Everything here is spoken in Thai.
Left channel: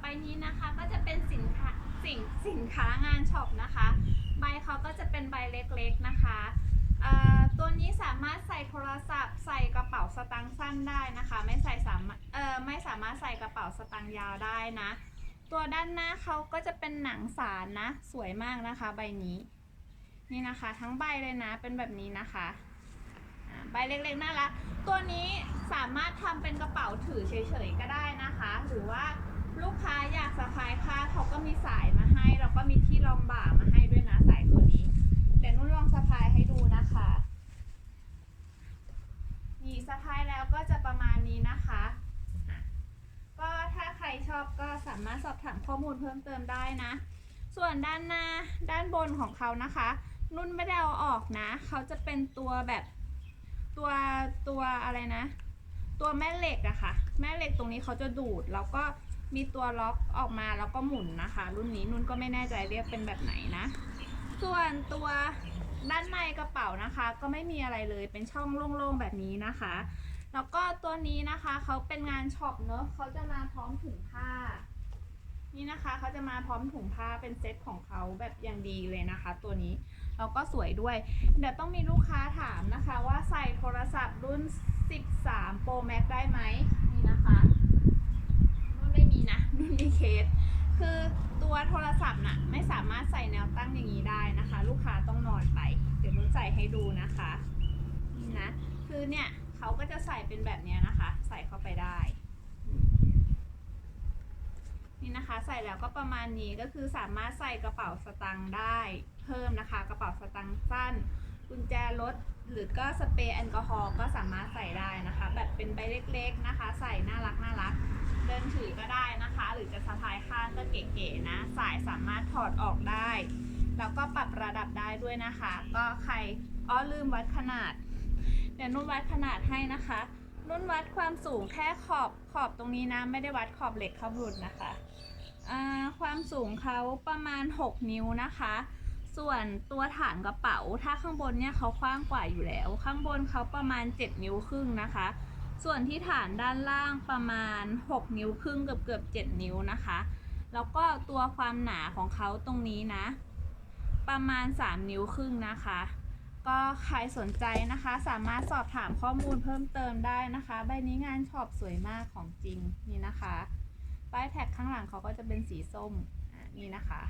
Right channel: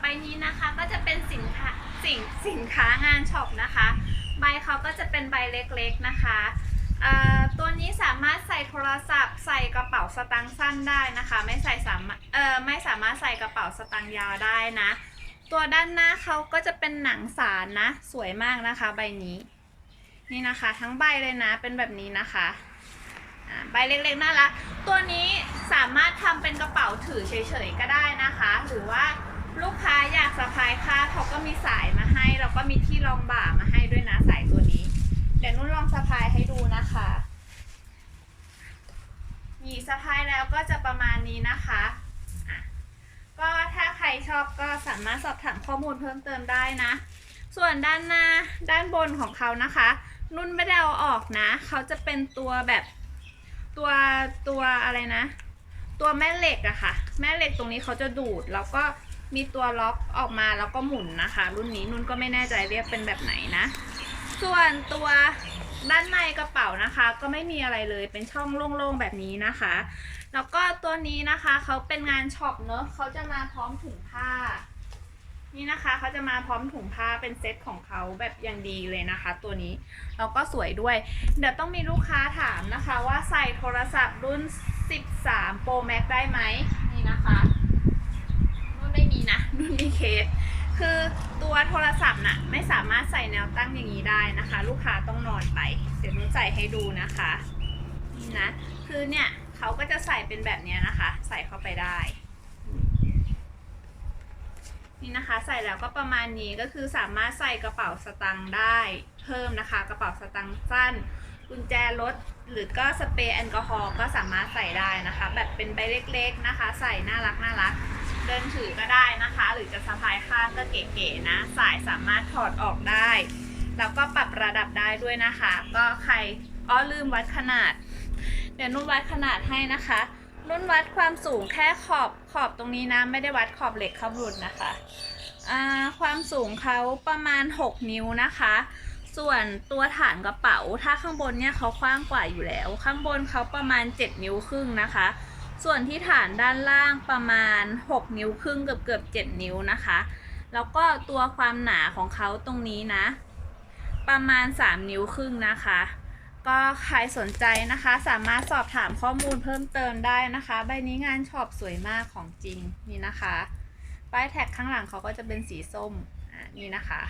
ใบนี้นะคะก็จะเป็นสินค้าสินสินค้างานช็อปนะคะ ใบเขาก็จะเป็นใบเล็กๆนะคะตัวนี้สามารถใส่โทรศัพท์ ใส่กระเป๋าสตางค์สั้นได้นะคะ ไม่ใส่สามารถเอ่อไม่สามารถใส่กระเป๋าสตางค์ยาวได้นะ ตัวด้านหน้าเขาก็จะเป็นหนังสารนะ สวยมากนะคะใบนี้ นี่นะคะทั้งใบเลยนะเป็นแบบนี้นะคะใบเล็กๆน่ารักตัวนี้สามารถทำเป็นกระเป๋าถือเฉยๆก็ได้นะคะ หรือว่า ลูกค้าอยากสะพายค่าเขาก็มีสายมาให้แล้วก็มีที่รองบ่ามาให้ด้วยนะสายตัวนี้ เดี๋ยวนุ่นลองสะพายให้ดูนะคะนี่สะพายแล้วก็จะประมาณนี้นะคะอะก็ถ้าใครชอบก็สามารถสอบถามข้อมูลเพิ่มเติมได้นะ ส่วนด้านหน้าด้านบนของเขานะคะ นุ่นไม่ได้เอาออกนะ เขาจะเป็นตัวแบบตัวตัวอะไรนะ ตัวแม่เหล็กอะค่ะ แม่เหล็กตรงนี้เขาจะดูดแล้วก็ มีตัวล็อกออกมาแล้วก็หมุนนะคะ รุ่นนี้นุ่นก็ไม่แน่ใจเรียกเป็นแบบไหนนะ ส่วนตัวด้านในกระเป๋านะคะ ก็ไม่มีอะไรเลยเป็นช่องโล่งๆแบบนี้นะคะ แล้วก็ตัวนี้นะคะเขาเป็นงานช็อปเนอะเขาจะมาพร้อมถุงผ้า นี่นะคะเขาจะมาพร้อมถุงผ้าเป็นเซตของเขาแบบอย่างดีเลยนะคะ ตัวนี้แล้วก็สวยด้วย เดี๋ยวต้องมีลูกค้าถามนะคะ ว่าใส่โทรศัพท์รุ่น 13 Pro Max ได้ไหมนี่นะคะรุ่นไม่มีนะรุ่นมีเค ส คือตัวโทรศัพท์น่ะไม่สามารถใส่แนวตั้งอย่างนี้ได้นะคะ ลูกค้าต้องนอนไป เดี๋ยวนุ่นใส่ให้ดูนะคะนี่นะคือเนี่ยเขาก็จะใส่เป็นแบบนี้นะคะ ใส่เข้าไปได้นี่นะคะใส่แล้วก็ประมาณนี้ก็คือสามารถใส่กระเป๋าสตางค์ได้ เพิ่มนะคะ กระเป๋าสตางค์สั้น กุญแจรถหรือก็สเปรย์แอลกอฮอล์ก็สามารถใส่ได้นะคะ แบบเป็นใบเล็กๆนะคะ ใส่น่ารักน่ารัก เดินถือก็ได้นะคะ หรือจะสะพายข้างก็เก๋ๆนะ สายสามารถถอดออกได้ แล้วก็ปรับระดับได้ด้วยนะคะ ก็ใครอ้อลืมวัดขนาด เดี๋ยวนุ่นวัดขนาดให้นะคะนุ่นวัดความสูงแค่ขอบขอบตรงนี้นะ ไม่ได้วัดขอบเหล็กข้างบนนะคะ ความสูงเขาประมาณ 6 นิ้วนะคะ ส่วนตัวฐานกระเป๋า ถ้าข้างบนเนี่ยเขากว้างกว่าอยู่แล้ว ข้างบนเขาประมาณ 7 นิ้วครึ่งนะคะ ส่วนที่ฐานด้านล่างประมาณ 6 นิ้วครึ่งเกือบเกือบ7นิ้วนะคะ แล้วก็ตัวความหนาของเขาตรงนี้นะ ประมาณ 3 นิ้วครึ่งนะคะ ก็ใครสนใจนะคะ สามารถสอบถามข้อมูลเพิ่มเติมได้นะคะ ใบนี้งานช็อปสวยมากของจริงนี่นะคะ ป้ายแท็กข้างหลังเขาก็จะเป็นสีส้มอะนี่นะคะ